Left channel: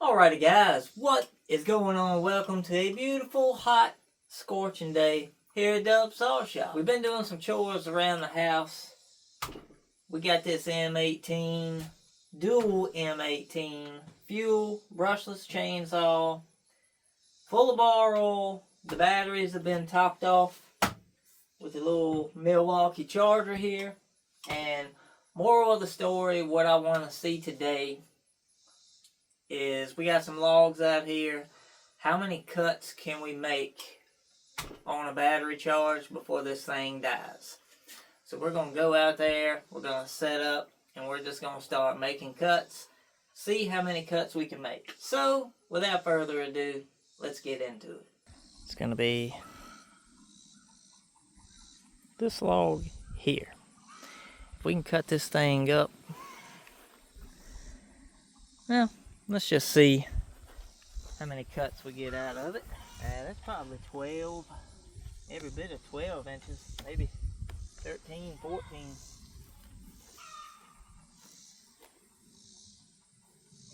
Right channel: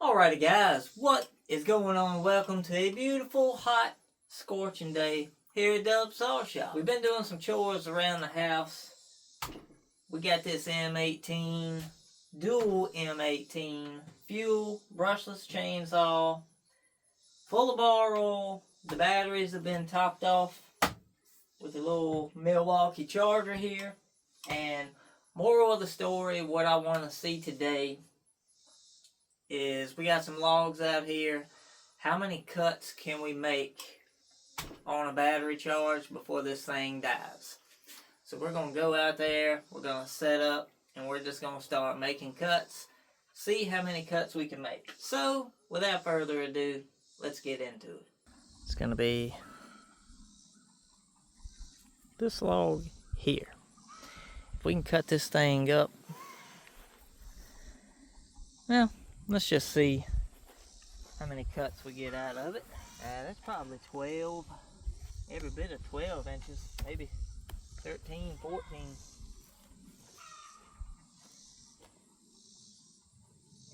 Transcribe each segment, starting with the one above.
Alrighty guys, what is going on? Welcome to a beautiful, hot, scorching day here at Dub Saw Shop. We've been doing some chores around the house. We got this M18, dual M18, fuel, brushless chainsaw, full of bar oil. The batteries have been topped off with a little Milwaukee charger here. And moral of the story, what I want to see today is we got some logs out here. How many cuts can we make on a battery charge before this thing dies? So we're going to go out there, we're going to set up, and we're just going to start making cuts. See how many cuts we can make. So, without further ado, let's get into it. It's going to be this log here. If we can cut this thing up, well, let's just see how many cuts we get out of it. That's probably 12, every bit of 12 inches, maybe 13, 14.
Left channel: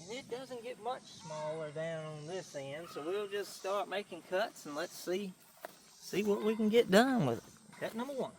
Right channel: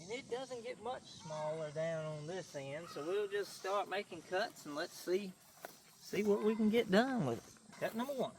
And it doesn't get much smaller down on this end, so we'll just start making cuts and let's see what we can get done with it. Cut number one.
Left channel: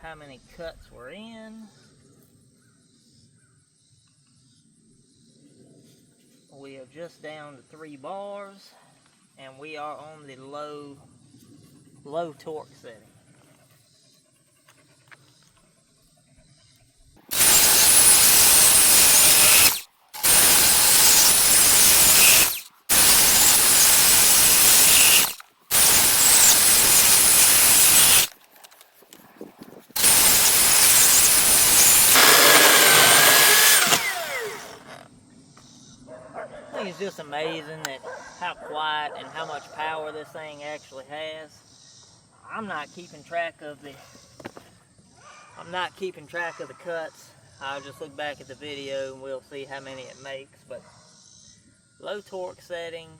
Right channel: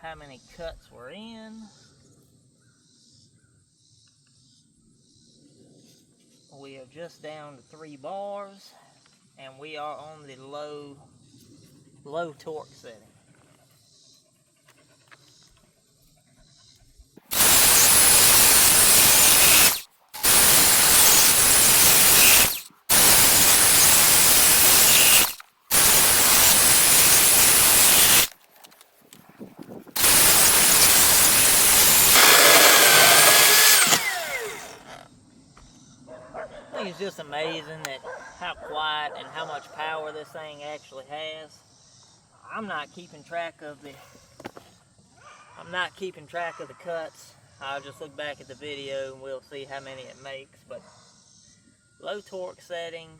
How many cuts we're in. We are just down to 3 bars, and we are on the low torque setting. I think it's just amazing that how quiet and how much power this thing actually has. I'm not keeping track of the cuts. I'll just look back at the video and we'll see how many it makes. But low torque setting,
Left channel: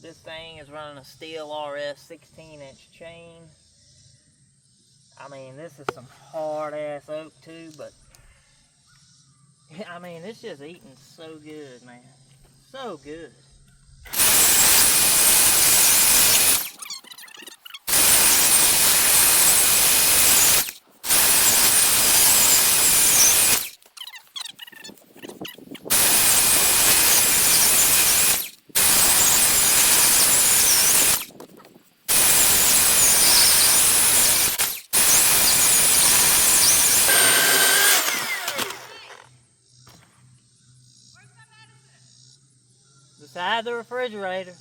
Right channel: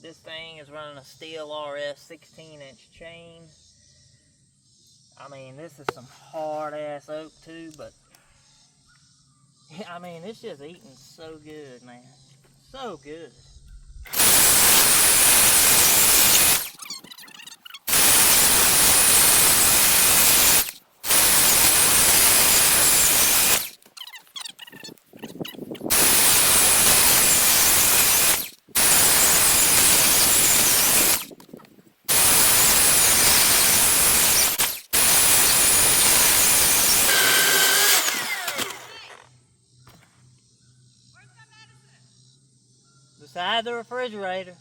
this thing is running a steel RS 16-inch chain. I mean, this is some hard ass oak too, but I mean, it's just eating so good, man. So good. Beside the refrigerator.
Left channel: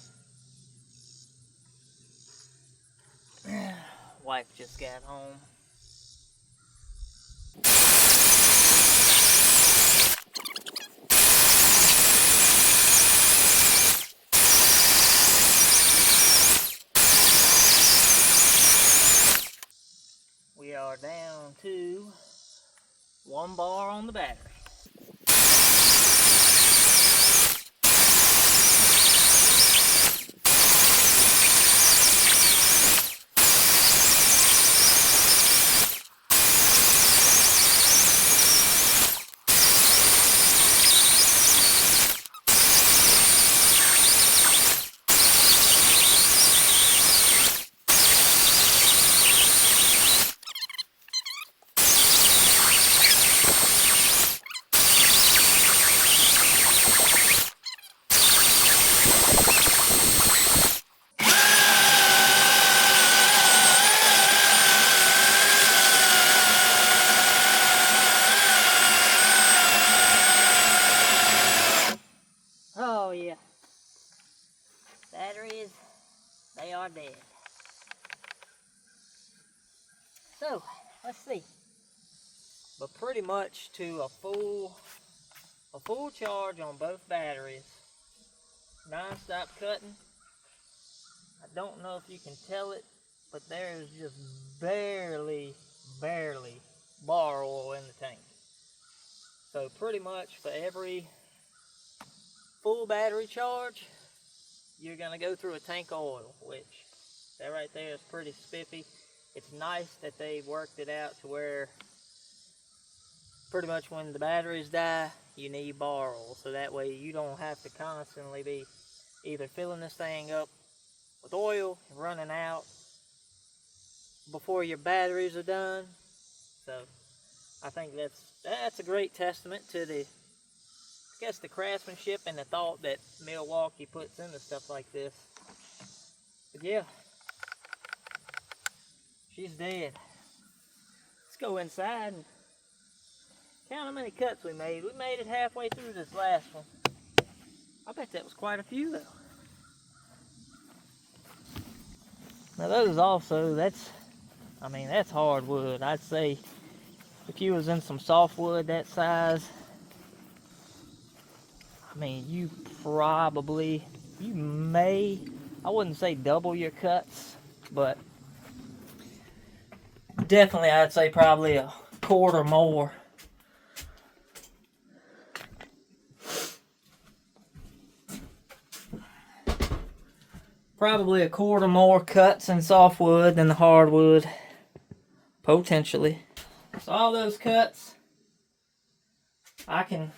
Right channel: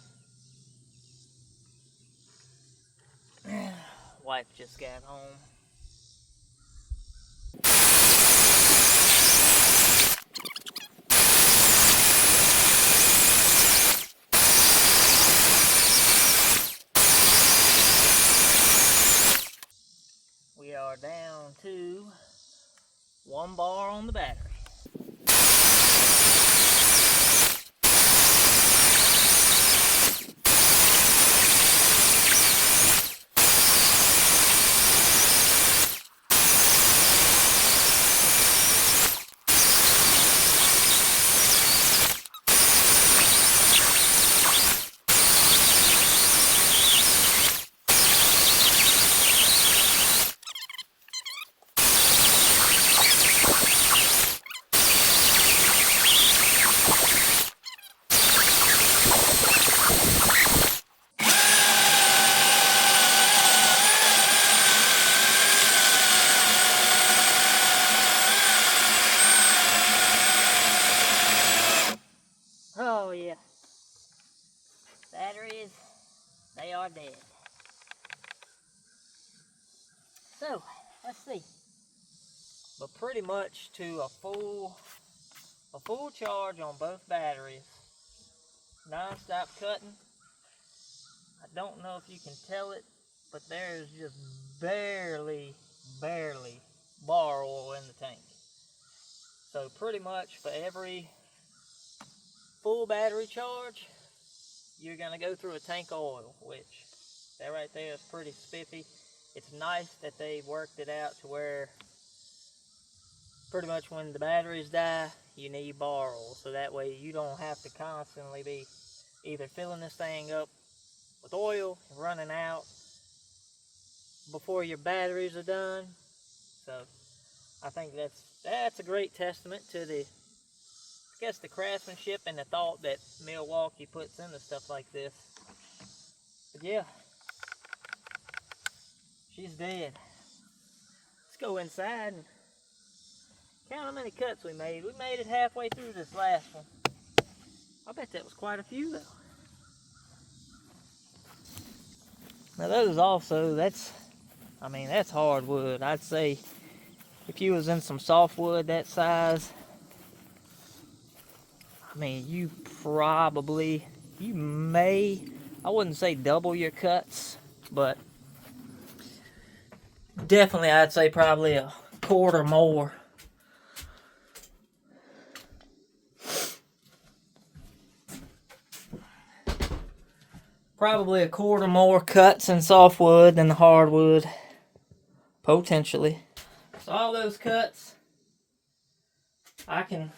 Wife just got home. We are down to 1 bar on the battery. are dead. So, let's see. But pretty much to a full charge on both batteries. Non-stop cutting. I don't know if you can tell it, but there's just barely bar oil in the tank. So pretty much for every full battery charge, you're gonna go through a tank of oil, which that right there is pretty spiffy. It's nice that they worked it out to where pretty much when the batteries die, you need bar oil, so that way you don't have to constantly be either filling this thing up with oil and running out before your batteries are done. So I think that's a great testament to the, I guess, the craftsmanship and the thought that Milwaukee puts into stuff like this. But yeah, she's dead. Let's go inside and count how many cuts we made. We made it halfway through this last one. I bet that was quite a few though. Now those also, that's hardwood. I'd say if you was in some softwood that size, I mean, you may, I wouldn't say double your cuts, but definitely I'd say probably a quarter more. Probably a quarter more cuts in softwood than the hardwood, potentially. So all those cuts, the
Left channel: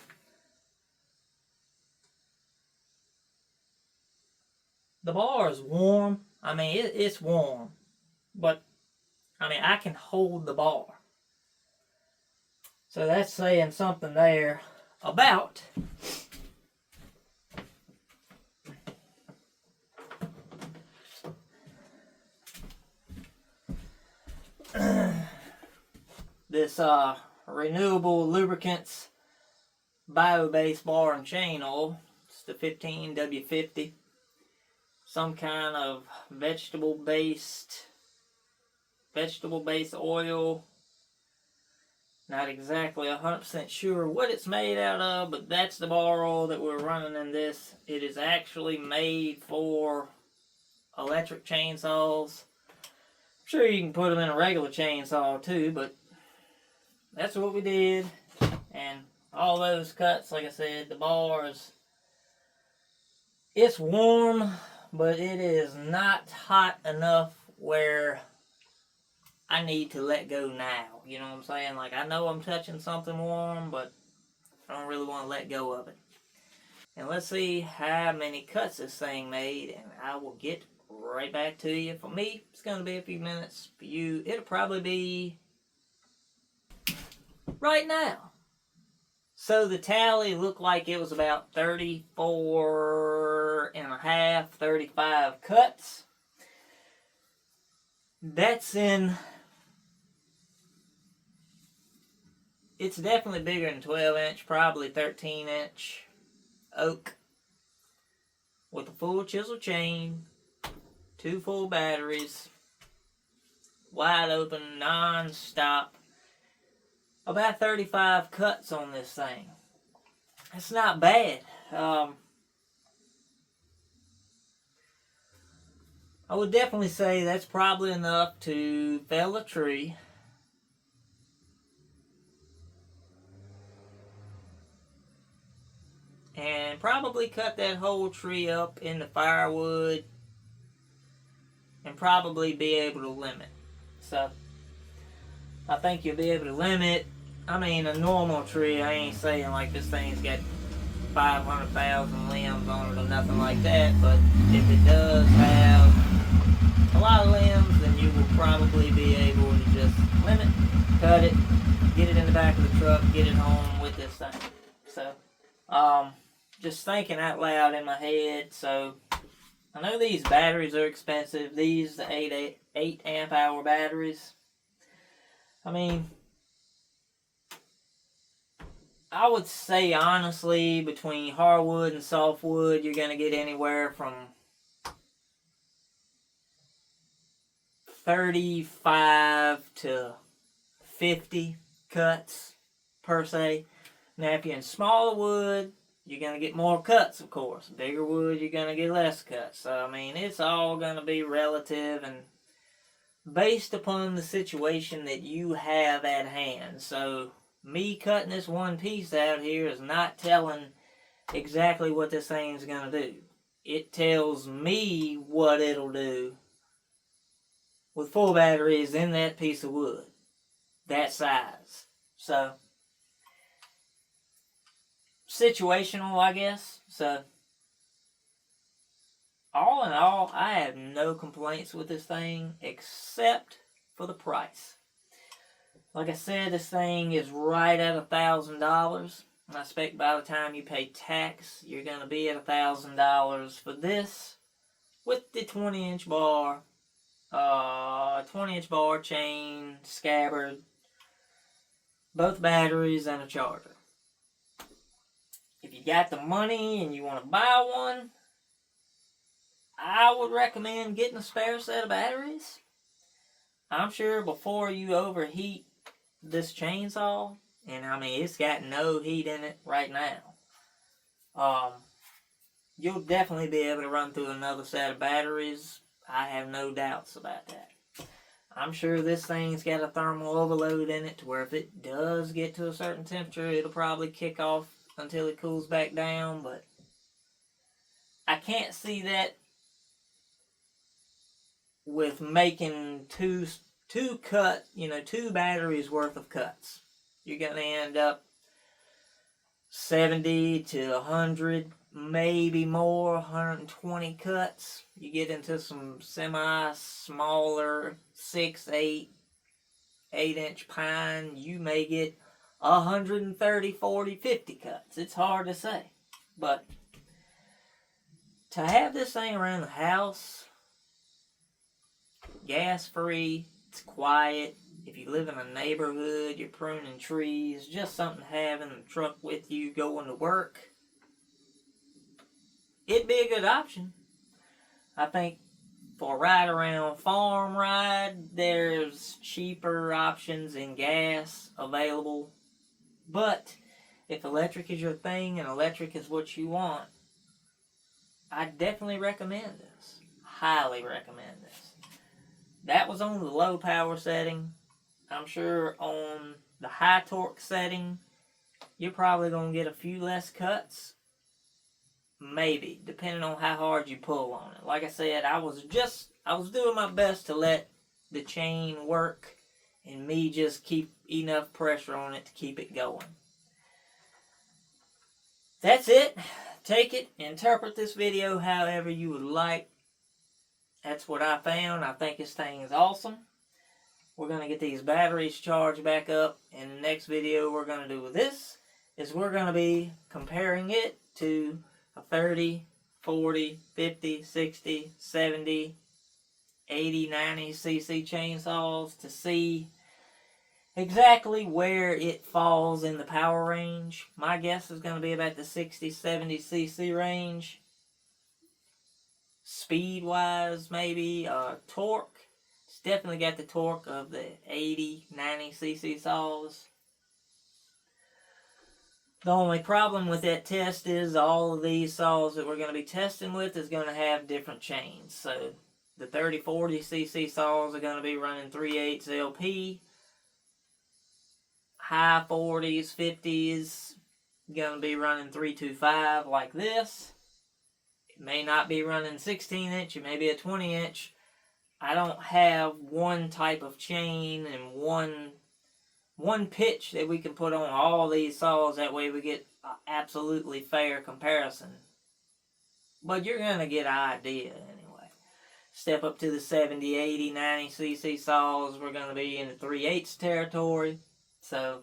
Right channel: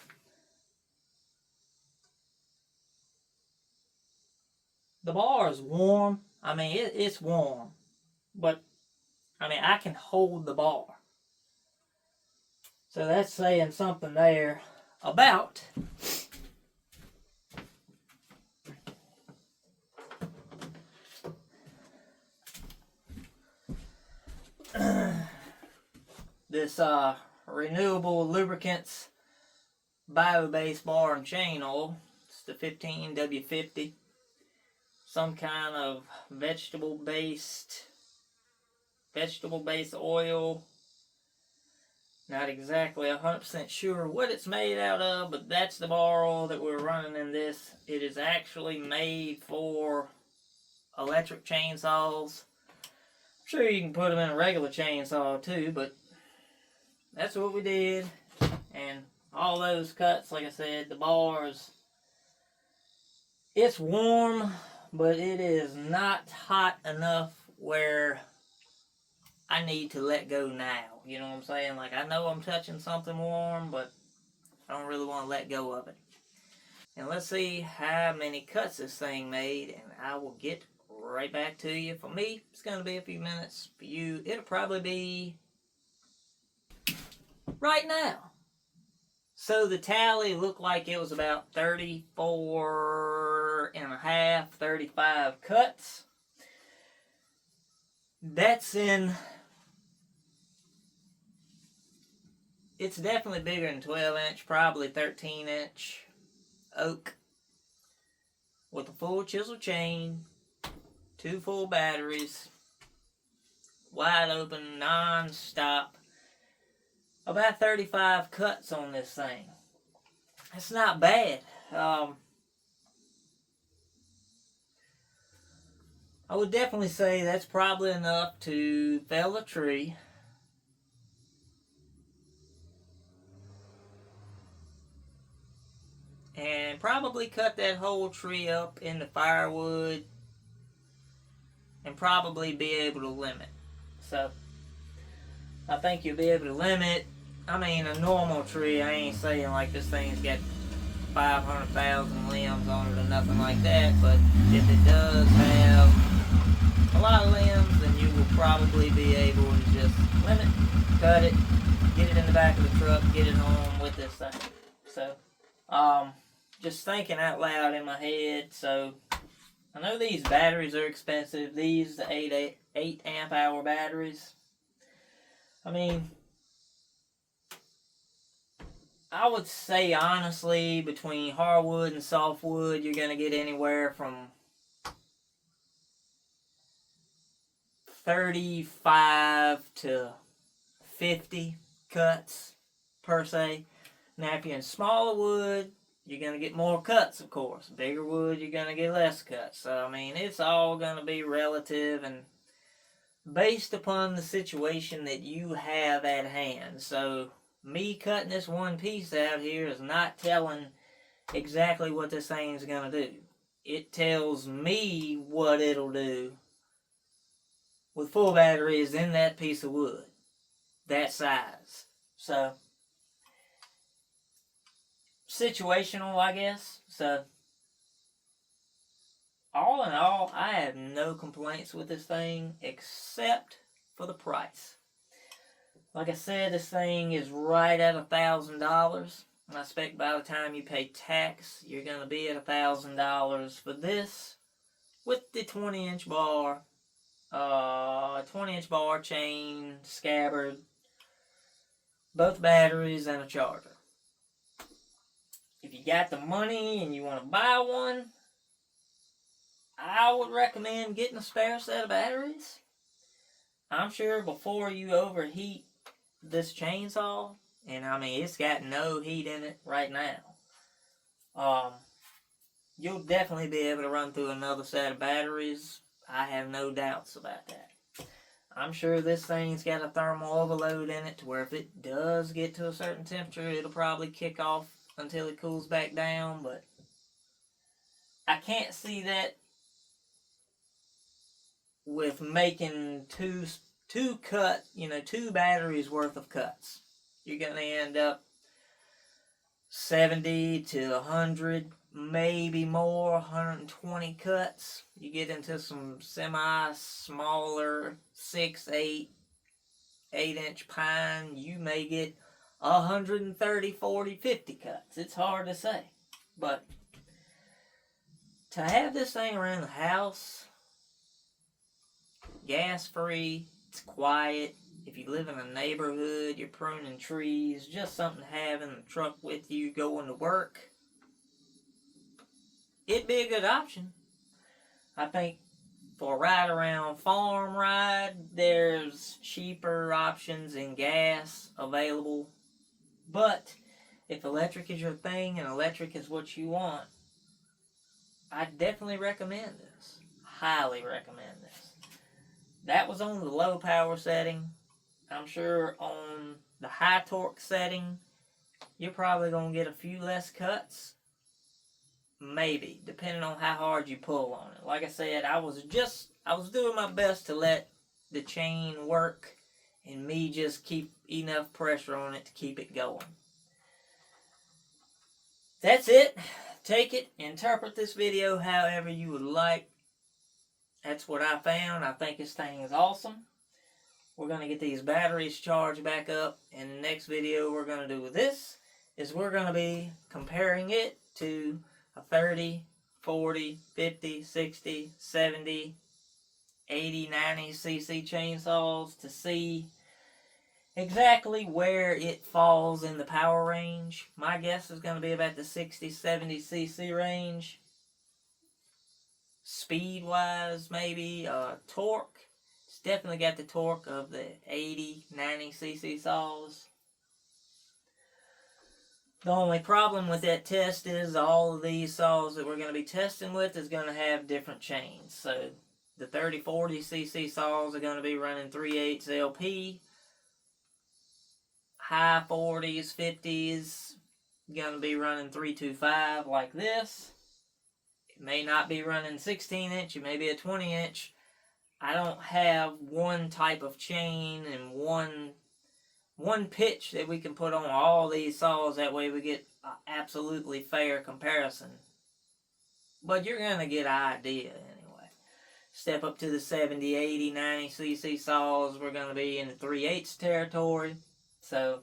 bar is warm. I mean, it's warm, but I mean, I can hold the bar. So that's saying something there about this renewable lubricants bio-based bar and chain oil. It's the 15W50. Some kind of vegetable-based oil. Not exactly 100% sure what it's made out of, but that's the bar oil that we're running in this. It is actually made for electric chainsaws. I'm sure you can put them in a regular chainsaw too, but that's what we did. And all those cuts, like I said, the bars, it's warm, but it is not hot enough where I need to let go now. You know what I'm saying? Like, I know I'm touching something warm, but I don't really want to let go of it. And let's see how many cuts this thing made, and I will get right back to you. For me, it's going to be a few minutes. For you, it'll probably be right now. So the tally looked like it was about 34 and a half, 35 cuts. That's in, it's definitely bigger than 12 inch, probably 13 inch oak with a full chisel chain, 2 full batteries, wide open, non-stop. About 35 cuts on this thing. That's not bad. I would definitely say that's probably enough to fell a tree. And probably cut that whole tree up into firewood and probably be able to limit. So I think you'll be able to limit. I mean, a normal tree, I ain't saying like this thing's got 500,000 limbs on it or nothing like that, but if it does have a lot of limbs, then you will probably be able to just limit, cut it, get it in the back of the truck, get it home with this thing. So, just thinking out loud in my head. So, I know these batteries are expensive. These, the 8 amp hour batteries. I mean, I would say honestly, between hardwood and softwood, you're going to get anywhere from 35 to 50 cuts per se. Now, if you're in smaller wood, you're going to get more cuts, of course. Bigger wood, you're going to get less cuts. So, I mean, it's all going to be relative and based upon the situation that you have at hand. So, me cutting this one piece out here is not telling exactly what this thing's going to do. It tells me what it'll do with full batteries in that piece of wood. That size. So, situational, I guess. So, all in all, I have no complaints with this thing except for the price. Like I said, this thing is right at $1,000. I expect by the time you pay tax, you're going to be at $1,000 for this with the 20-inch bar, 20-inch bar chain, scabbard, both batteries, and a charger. If you got the money and you want to buy one, I would recommend getting a spare set of batteries. I'm sure before you overheat this chainsaw, and I mean it's got no heat in it right now, you'll definitely be able to run through another set of batteries. I have no doubts about that. I'm sure this thing's got a thermal overload in it to where if it does get to a certain temperature, it'll probably kick off until it cools back down, but I can't see that with making two batteries worth of cuts. You're going to end up 70 to 100, maybe more, 120 cuts. You get into some semi-smaller 6, 8-inch pine, you may get 130, 40, 50 cuts. It's hard to say. But to have this thing around the house, gas-free, it's quiet. If you live in a neighborhood, you're pruning trees, just something to have in the truck with you going to work, it'd be a good option. I think for a ride around farm ride, there's cheaper options in gas available. But if electric is your thing and electric is what you want, I definitely recommend this. Highly recommend this. That was on the low power setting. I'm sure on the high torque setting, you're probably going to get a few less cuts. Maybe, depending on how hard you pull on it. Like I said, I was doing my best to let the chain work and me just keep enough pressure on it to keep it going. That's it. Take it, interpret this video however you would like. That's what I found. I think this thing is awesome. We're going to get these batteries charged back up. And the next video we're going to do with this is we're going to be comparing it to a 30, 40, 50, 60, 70, 80, 90 cc chainsaws to see exactly where it falls in the power range. My guess is going to be about the 60, 70 cc range. Speed wise, maybe. Torque, it's definitely got the torque of the 80, 90 cc saws. The only problem with that test is all of these saws that we're going to be testing with is going to have different chains. So the 30, 40 cc saws are going to be running 3/8 LP. High 40s, 50s, going to be running 325 like this. It may not be running 16-inch, it may be a 20-inch. I don't have one type of chain and one pitch that we can put on all these saws. That way we get an absolutely fair comparison. But you're going to get an idea anyway. Step up to the 70, 80, 90 cc saws. We're going to be in the 3/8 territory. So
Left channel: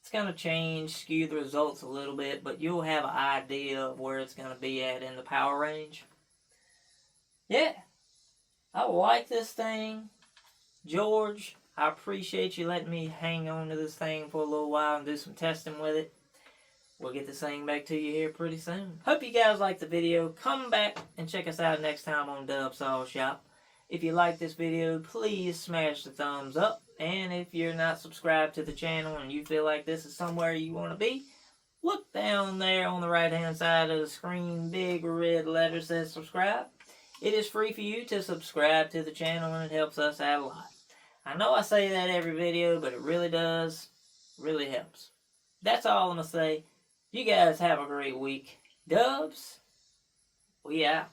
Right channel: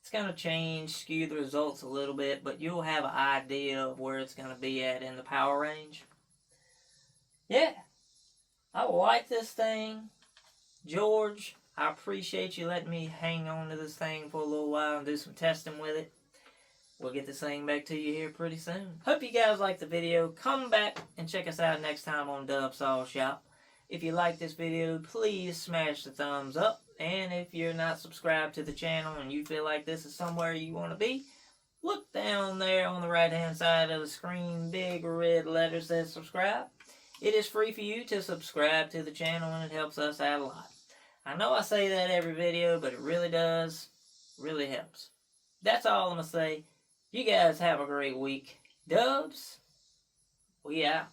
it's going to change, skew the results a little bit, but you'll have an idea of where it's going to be at in the power range. Yeah, I like this thing. George, I appreciate you letting me hang on to this thing for a little while and do some testing with it. We'll get this thing back to you here pretty soon. Hope you guys liked the video. Come back and check us out next time on Dub Saw Shop. If you like this video, please smash the thumbs up. And if you're not subscribed to the channel and you feel like this is somewhere you want to be, look down there on the right hand side of the screen, big red letter says subscribe. It is free for you to subscribe to the channel and it helps us out a lot. I know I say that every video, but it really does, really helps. That's all I'm going to say. You guys have a great week. Dubs, we out.